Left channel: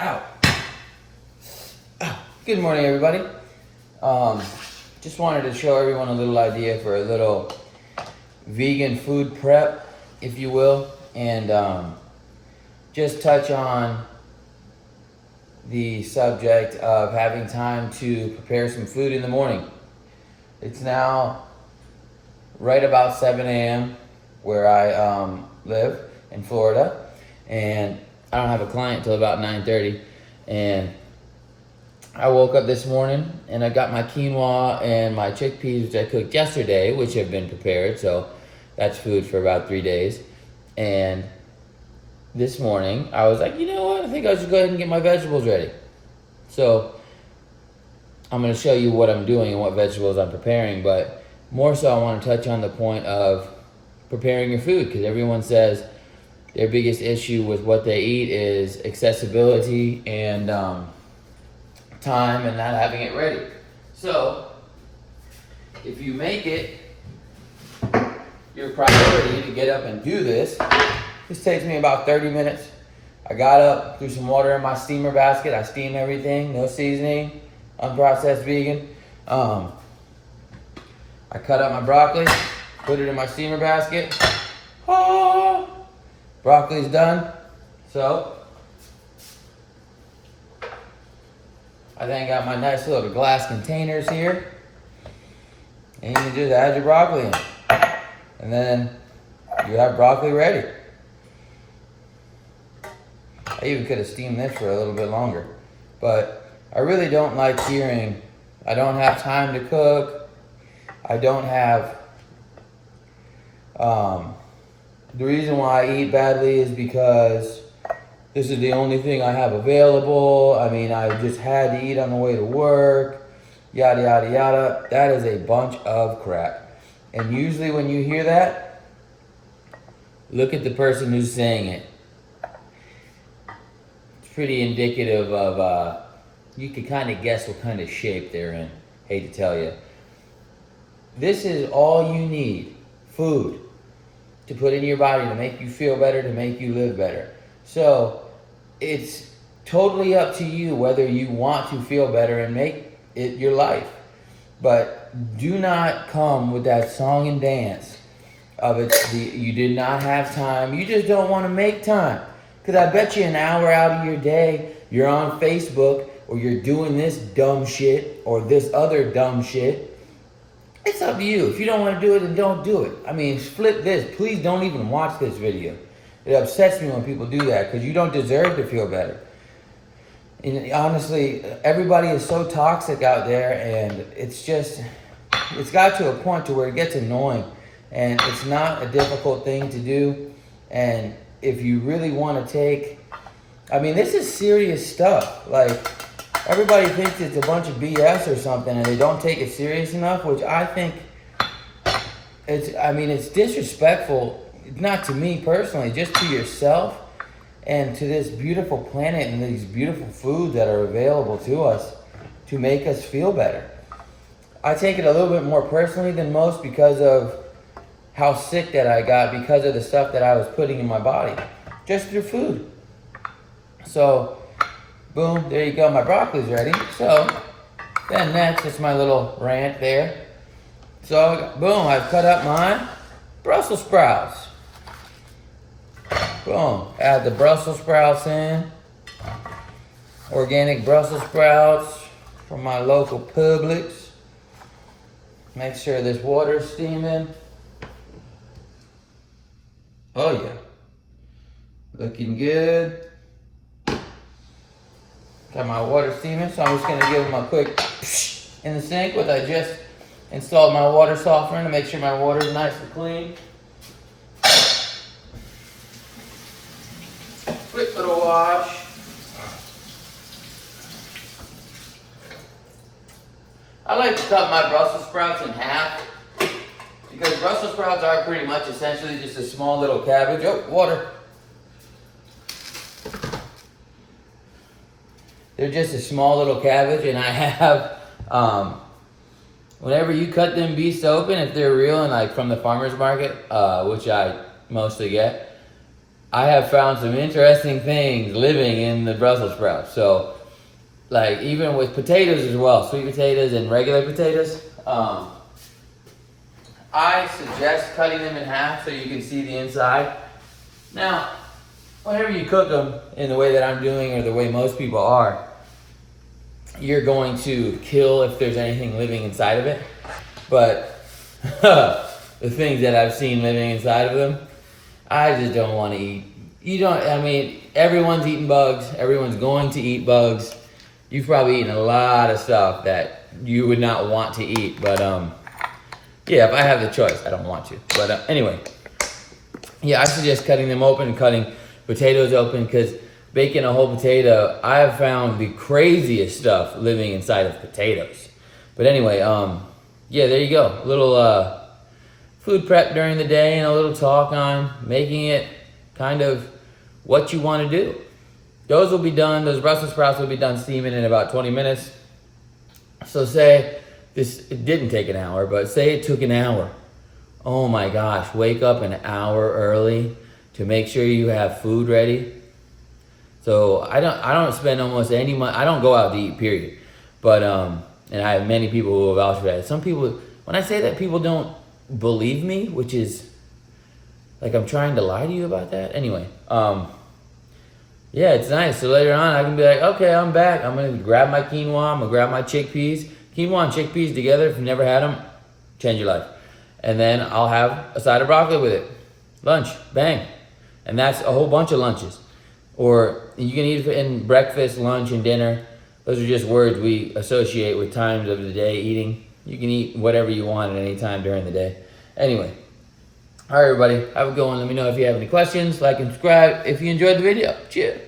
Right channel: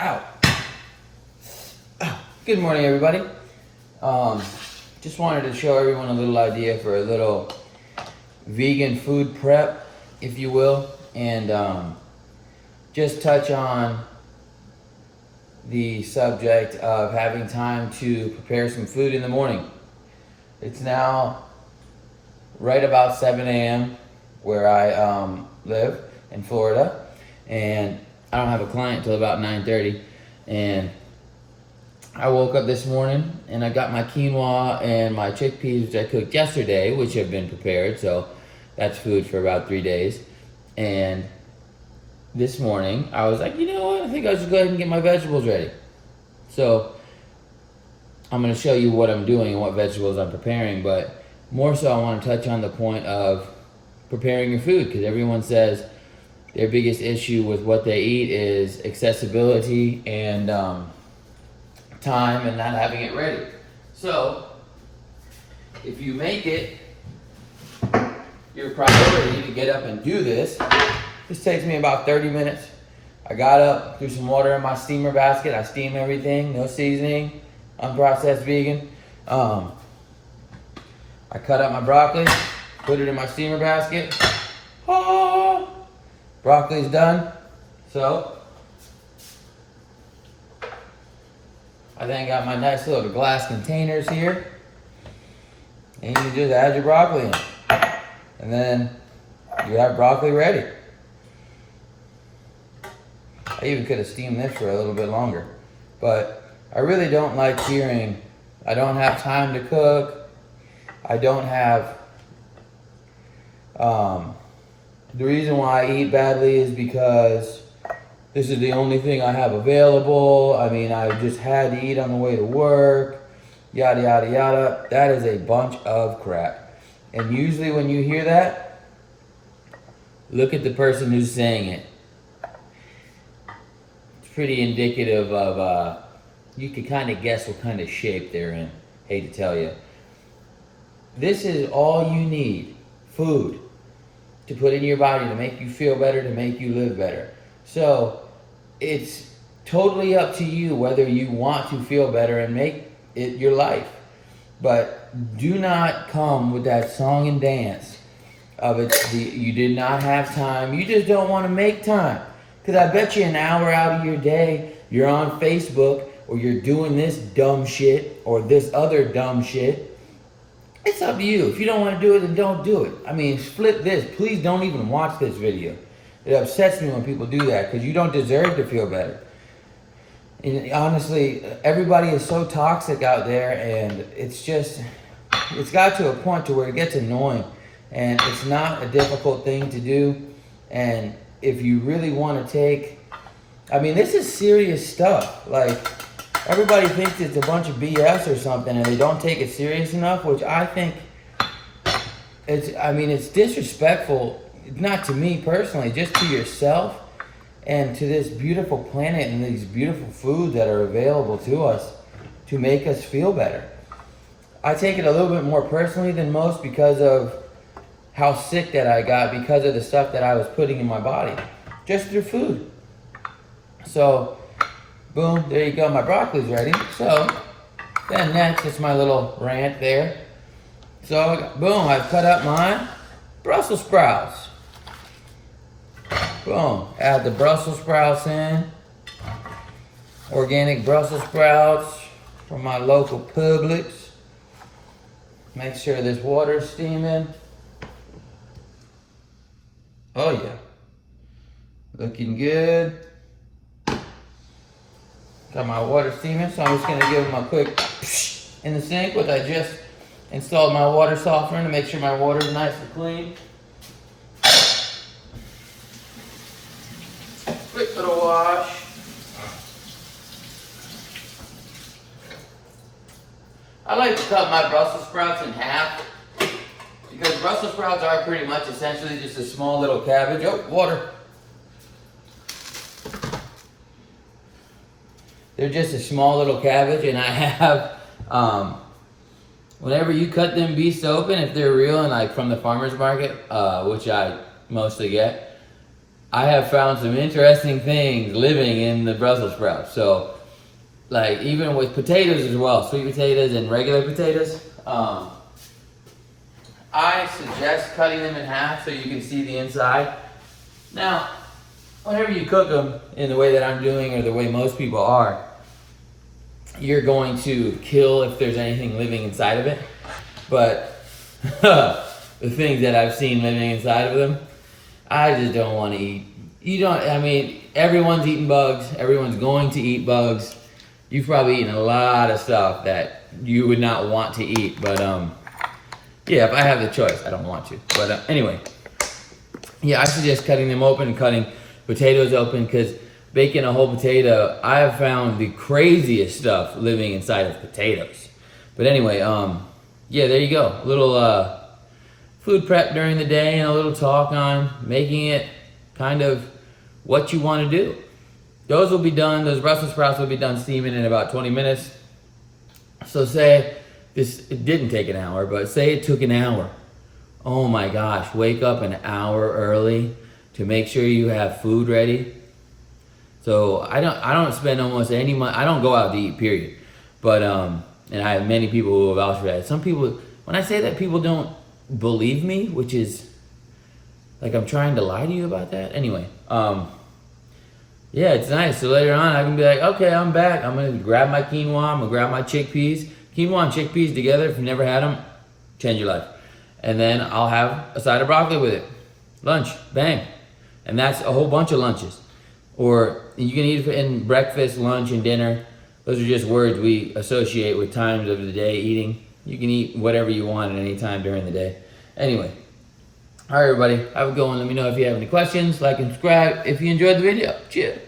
Ow. Ow. Good morning, everybody. Just wanted to show everyone a little idea for a little vegan food prep, if you will, and just touch on the subject of having time to prepare some food in the morning. It's now right about 7 a.m. where I live in Florida, and I don't have a client till about 9:30. And I woke up this morning and I got my quinoa and my chickpeas, which I cooked yesterday, which have been prepared, so that's food for about 3 days. And this morning I was like, you know what, I think I'll just go ahead and get my vegetables ready. So I'm going to show you what I'm doing and what vegetables I'm preparing, but more so I want to touch on the point of preparing your food, because everyone says their biggest issue with what they eat is accessibility and time and not having it ready. So if you make it your priority to get up and do this, this takes me about 30 minutes. I got up, threw some water in my steamer basket. I steam everything, no seasoning, unprocessed vegan. I cut up my broccoli, put it in my steamer basket. Oh, broccoli's done. So I then got my nice little glass containers here. And you just add your broccoli in. And then you have broccoli ready. I even could have steamed this for a little bit longer. But I really don't like hearing, I don't have time to cook. I don't have, the reason why I eat badly is because this is the only thing I have available. I mean, I just had to eat on the way to work, yada, yada, yada. That is a bunch of crap. And usually when you hear that, look at the person who's saying it. It's pretty indicative of, you can kind of guess what kind of shape they're in. Hate to tell you. This is all you need, food, to put in your body to make you feel better, to make you live better. So it's totally up to you whether you want to feel better and make it your life. But do not come with that song and dance of it. You did not have time. You just don't want to make time. Because I bet you an hour out of your day, you're on Facebook or you're doing this dumb shit or this other dumb shit. It's up to you. If you don't want to do it, then don't do it. I mean, flip this. Please don't even watch this video. It upsets me when people do that because you don't deserve to feel better. And honestly, everybody is so toxic out there, and it's got to a point to where it gets annoying, and it's not a difficult thing to do. And if you really want to take, I mean, this is serious stuff. Like, everybody thinks it's a bunch of BS or something, and they don't take it serious enough, which I think it's disrespectful, not to me personally, just to yourself and to this beautiful planet and these beautiful foods that are available to us to make us feel better. I take it a little bit more personally than most because of how sick that I got because of the stuff that I was putting in my body, just through food. So, boom, there you go, my broccoli's ready. So, then next, it's my little rant there. So, boom, I've cut up my Brussels sprouts. Boom, add the Brussels sprouts in. Organic Brussels sprouts from my local Publix. Make sure this water's steaming. Oh yeah, looking good. Got my water steaming, so I'm just gonna give them a quick psh in the sink, which I just installed my water softener to make sure my water is nice and clean. Quick little wash. I like to cut my Brussels sprouts in half because Brussels sprouts are pretty much essentially just a small little cabbage. Oh, water. They're just a small little cabbage, and I have, whenever you cut them beasts open, if they're real and like from the farmer's market, which I mostly get, I have found some interesting things living in the Brussels sprouts. So, like even with potatoes as well, sweet potatoes and regular potatoes, I suggest cutting them in half so you can see the inside. Now, whenever you cook them in the way that I'm doing or the way most people are, you're going to kill if there's anything living inside of it. But the things that I've seen living inside of them, I just don't want to eat. I mean, everyone's eating bugs. Everyone's going to eat bugs. You've probably eaten a lot of stuff that you would not want to eat. But yeah, if I have the choice, I don't want to. But anyway, yeah, I suggest cutting them open and cutting potatoes open, because baking a whole potato, I have found the craziest stuff living inside of potatoes. But anyway, yeah, there you go. A little food prep during the day and a little talk on making it kind of what you want to do. Those will be done, those Brussels sprouts will be done steaming in about 20 minutes. So say it didn't take an hour, but say it took an hour. Oh my gosh, wake up an hour early to make sure you have food ready. So I don't spend almost any money. I don't go out to eat, period. But and I have many people who will vouch for that. Some people, when I say that, people don't believe me, which is like I'm trying to lie to you about that. Anyway, yeah, it's nice. So later on, I can be like, okay, I'm back. I'm gonna grab my quinoa. I'm gonna grab my chickpeas. Quinoa and chickpeas together, if you've never had them, change your life. And then I'll have a side of broccoli with it. Lunch, bang. And that's a whole bunch of lunches. Or you can eat it in breakfast, lunch, and dinner. Those are just words we associate with times of the day eating. You can eat whatever you want at any time during the day. Anyway, all right, everybody, have a good one. Let me know if you have any questions. Like and subscribe if you enjoyed the video. Cheers.